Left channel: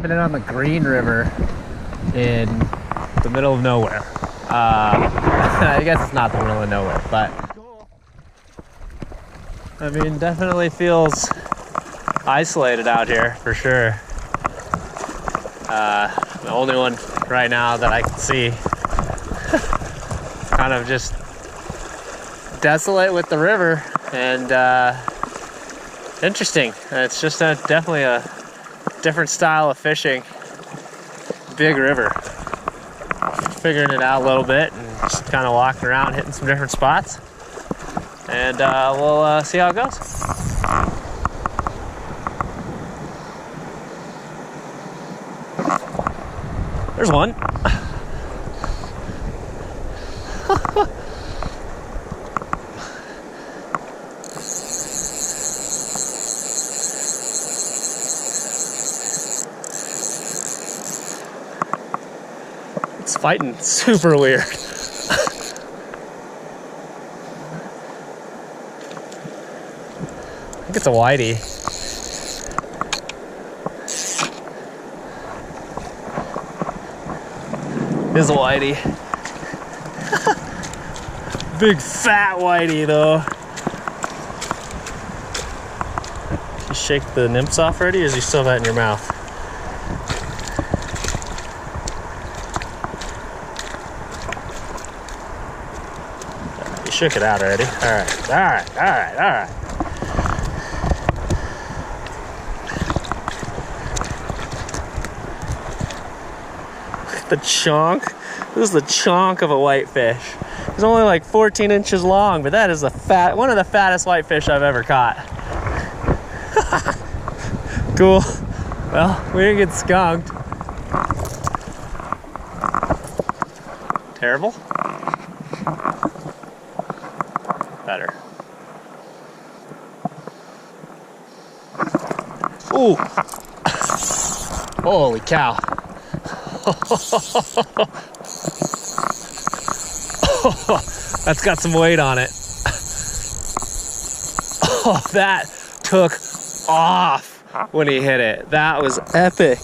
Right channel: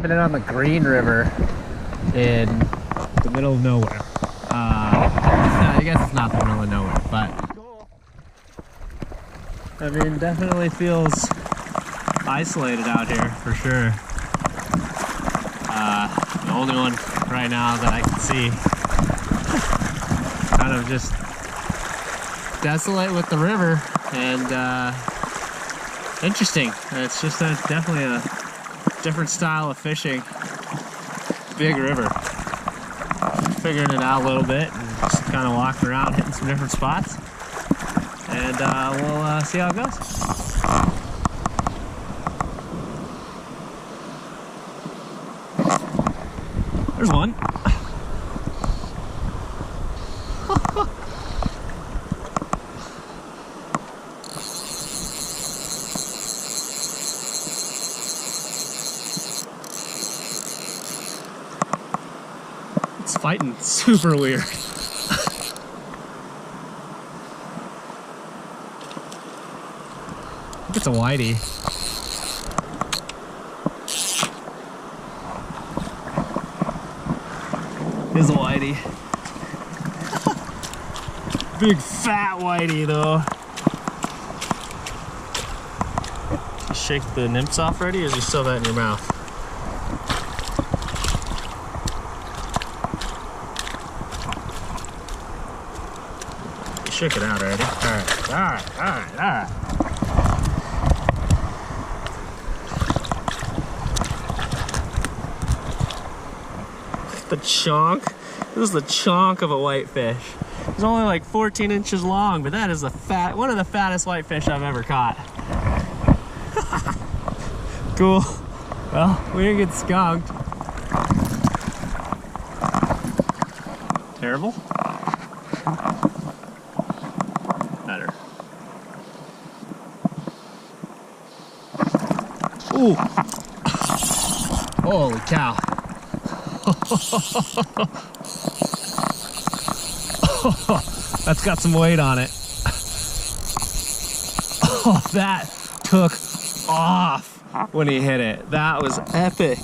dropping it on the Green River in the middle of nowhere. I guess it's not the middle of nowhere, but I mean, definitely feels isolated out here for sure. The only one right now that I can see. Kind of just desolate with the river, and interesting. It's just definitely a different style of fishing. Big river. Figuring it out a little bit and just kind of walking around, hitting some different spots, and we'll see how it goes. There's one. It's fighting super weird. I think it's a whitey. It is a whitey. Big fat whitey though. You shake the nymphs off already, or is you still have that in your mouth? You shook it out already. Alright, alright, alright, alright. The chunk. This is the chunk of a whitefish. It's only like 14 inches long, but that is one of the fattest whitefish I've ever caught. Cool. Well, we didn't get skunked. Terrible? Better. Ooh. Holy cow. That's got some weight on it. Oh, that took off when he hit it. That was epic.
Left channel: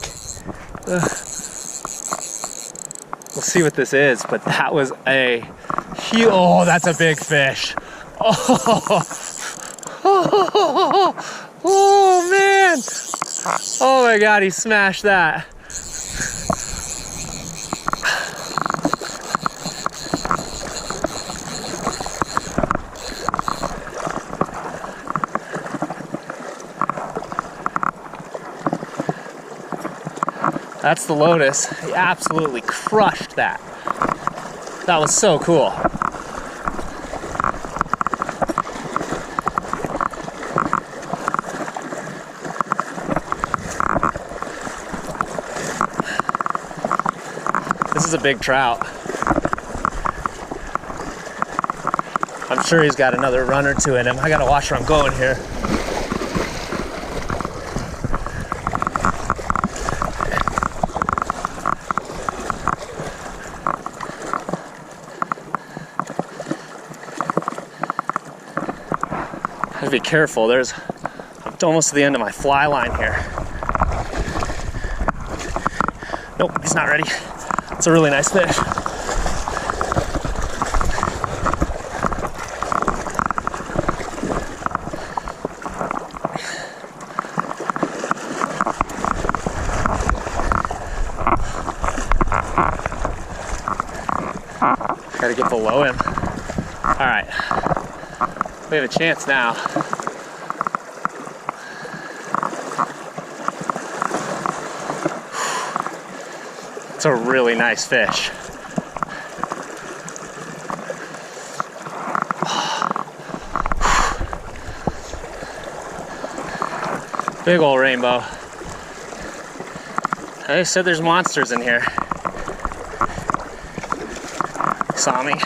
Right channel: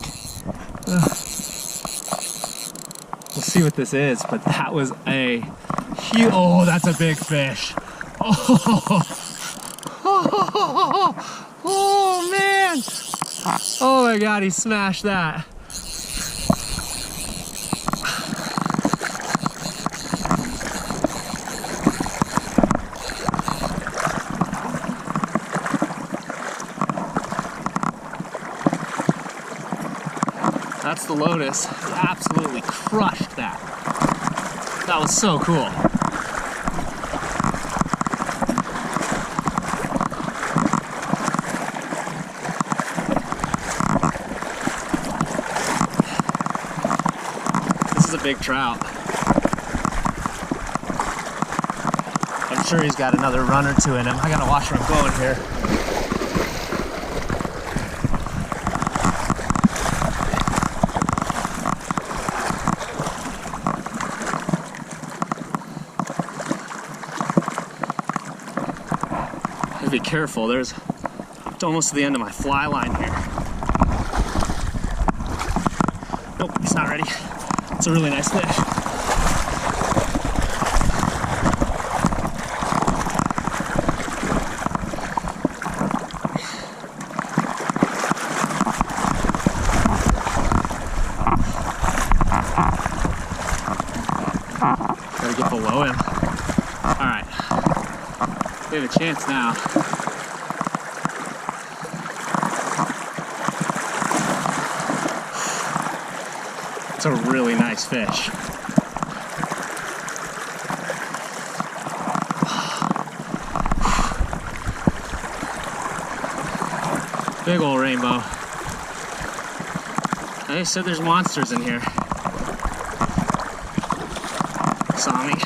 We'll see what this is, but that was a huge, oh, that's a big fish. Oh, oh man. Oh my God, he smashed that. That's the lotus. He absolutely crushed that. That was so cool. This is a big trout. I'm sure he's got another run or two in him. I gotta watch where I'm going here. Be careful, I'm almost to the end of my fly line here. Nope, he's not ready. It's a really nice fish. Gotta get below him. All right. We have a chance now. It's a really nice fish. Big old rainbow. They said there's monsters in here. Saw me.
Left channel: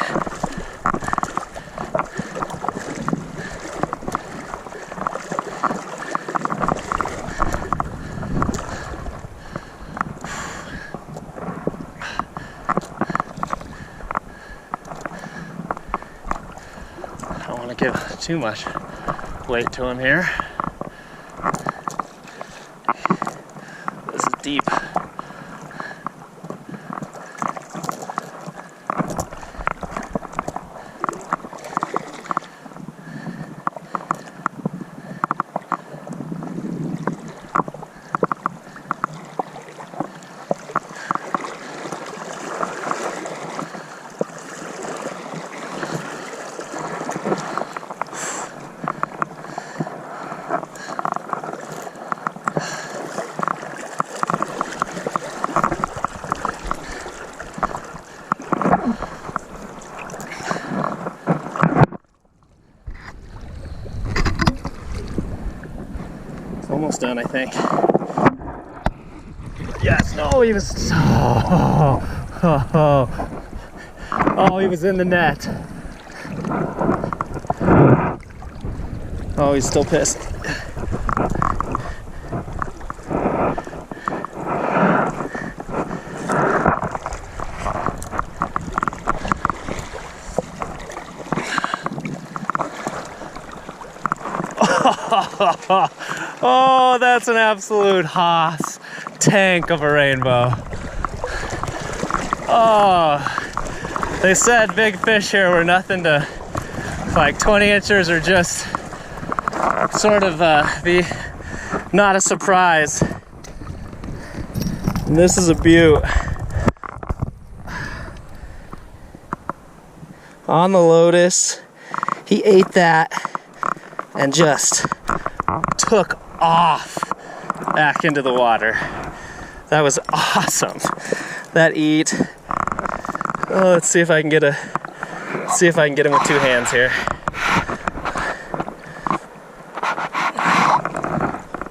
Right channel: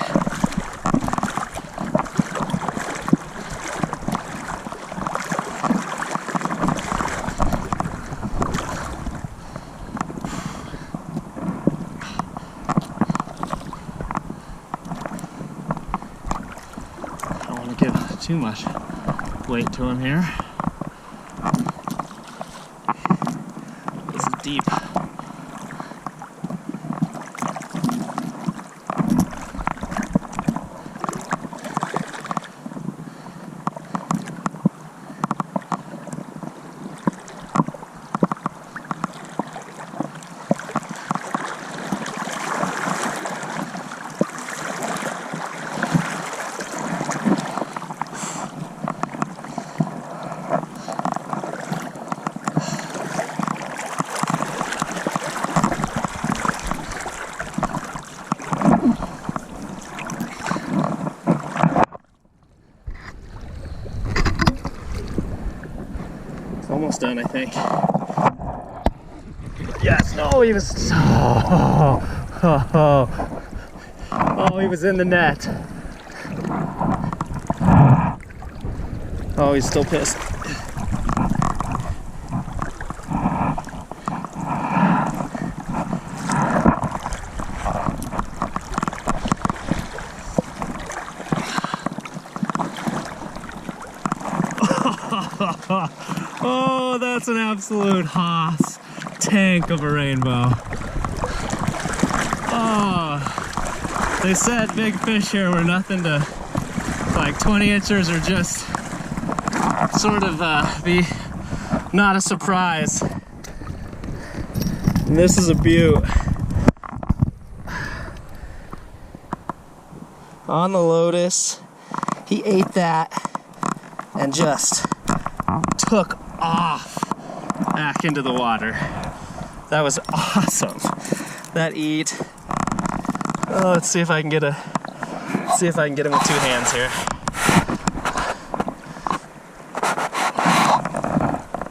Give too much weight to him here. This is out deep. Almost done, I think. Yes, no, he was, oh, he was in the net. Oh, he's still pissed. Oh, that's an absolute hoss tank of a rainbow. Oh, they said big fish here were nothing to, like 20 inchers or just sort of be not a surprise. And this is a beaut. On the Lotus, he ate that and just took off back into the water. That was awesome. That eat. Oh, let's see if I can get him with two hands here.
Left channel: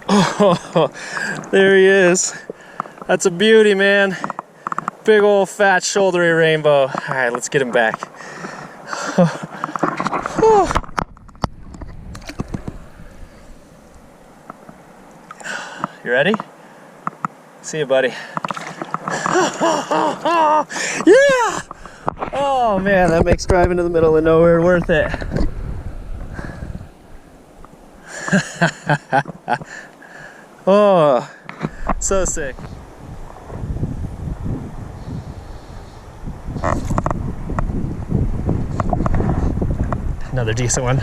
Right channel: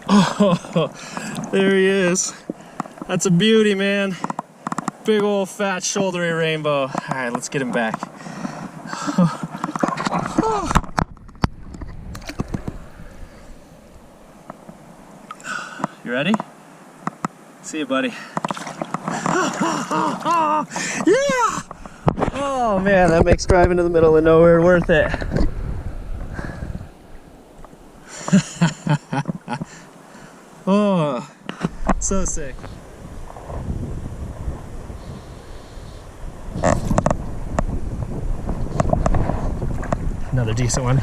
Oh, there he is. That's a beauty, man. Big old fat shouldery rainbow. All right, let's get him back. Oh. You ready? See you, buddy. Yeah! Oh man, that makes driving to the middle of nowhere worth it. Oh, so sick. Another decent one.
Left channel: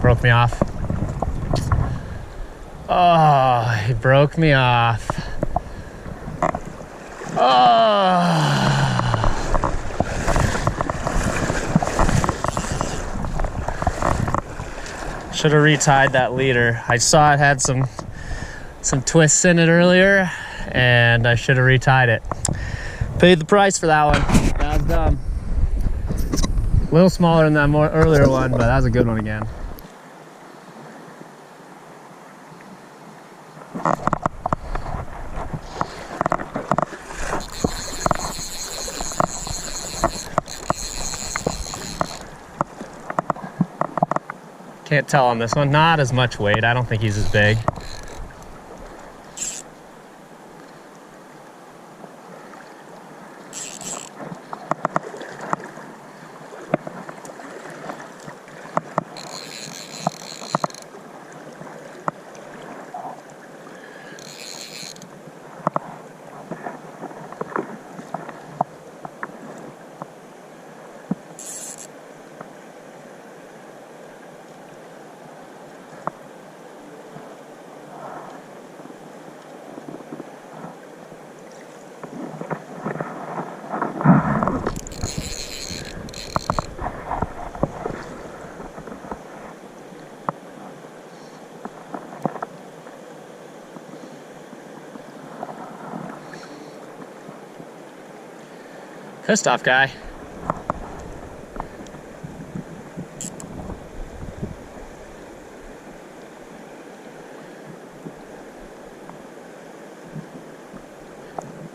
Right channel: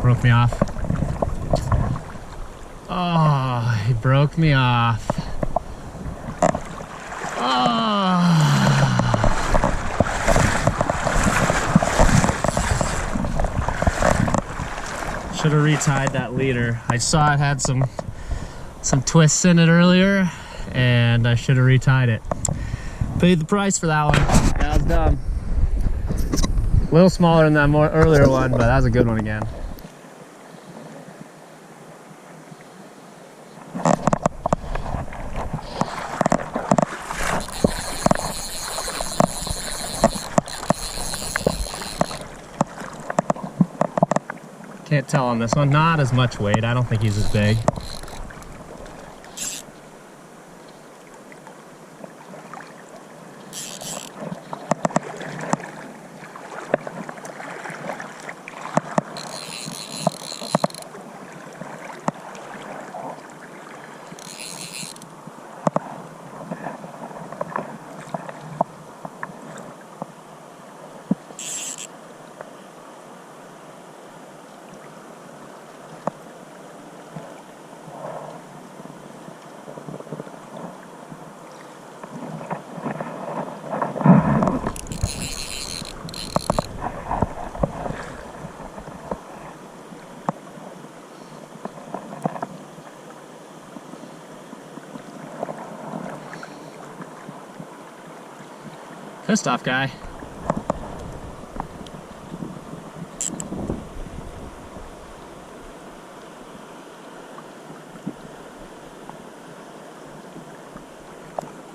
Broke me off. Oh, he broke me off. Oh. Should have retied that leader. I saw it had some twists in it earlier, and I should have retied it. Paid the price for that one. That was dumb. A little smaller than that earlier one, but that was a good one again. Can't tell on this one. Not as much weight. I don't think he's as big. Pissed off guy.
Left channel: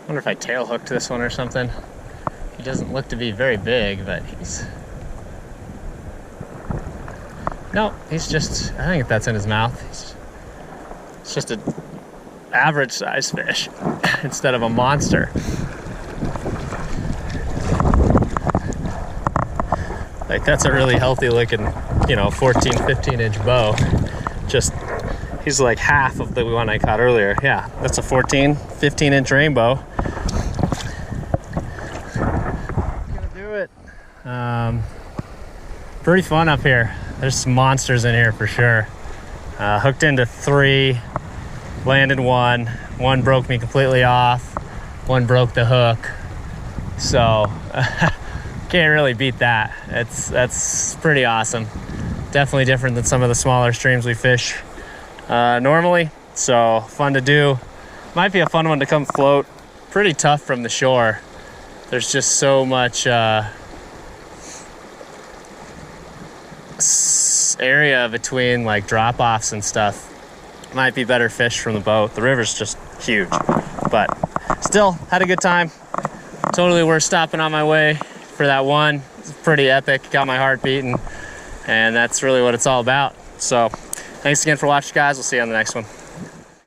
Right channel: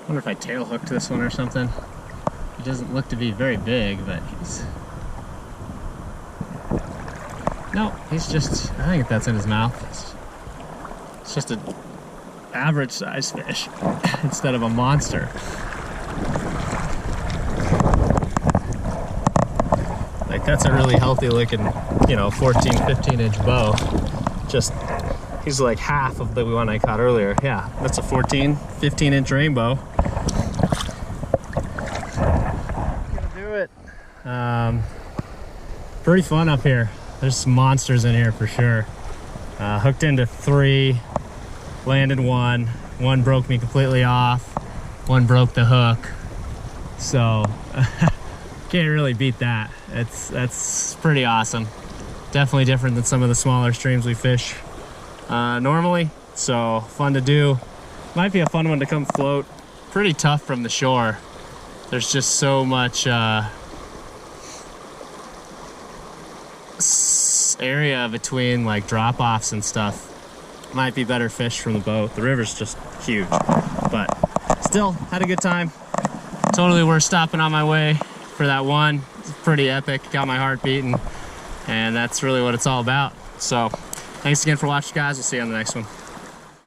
Wonder if I tail hooked this one or something. He doesn't look to be very big, but he's... No, he's just... I think that's in his mouth. It's just a average size fish instead of a monster. Like that's a really healthy looking, you know, 14, 15 inch bow. Just, he's like half of the one I caught earlier. Yeah, that's a 14, 15 inch rainbow. Gonna do it. Pretty fun up here. There's some monsters in here for sure. Hooked into 3, landed 1. 1 broke me completely off. 1 broke the hook. So can't really beat that. That's pretty awesome. Definitely different than some of the smaller streams we fish normally. So fun to do. Might be a fun one to come float. Pretty tough from the shore. There's just so much area between like drop-offs and stuff. Might be better fish from the boat. The river's just huge, but still had a good time. Totally worth stopping on my way for that one. It's pretty epic, got my heart beating, and that's really what it's all about. So thanks again for watching, guys. We'll see you on the next one.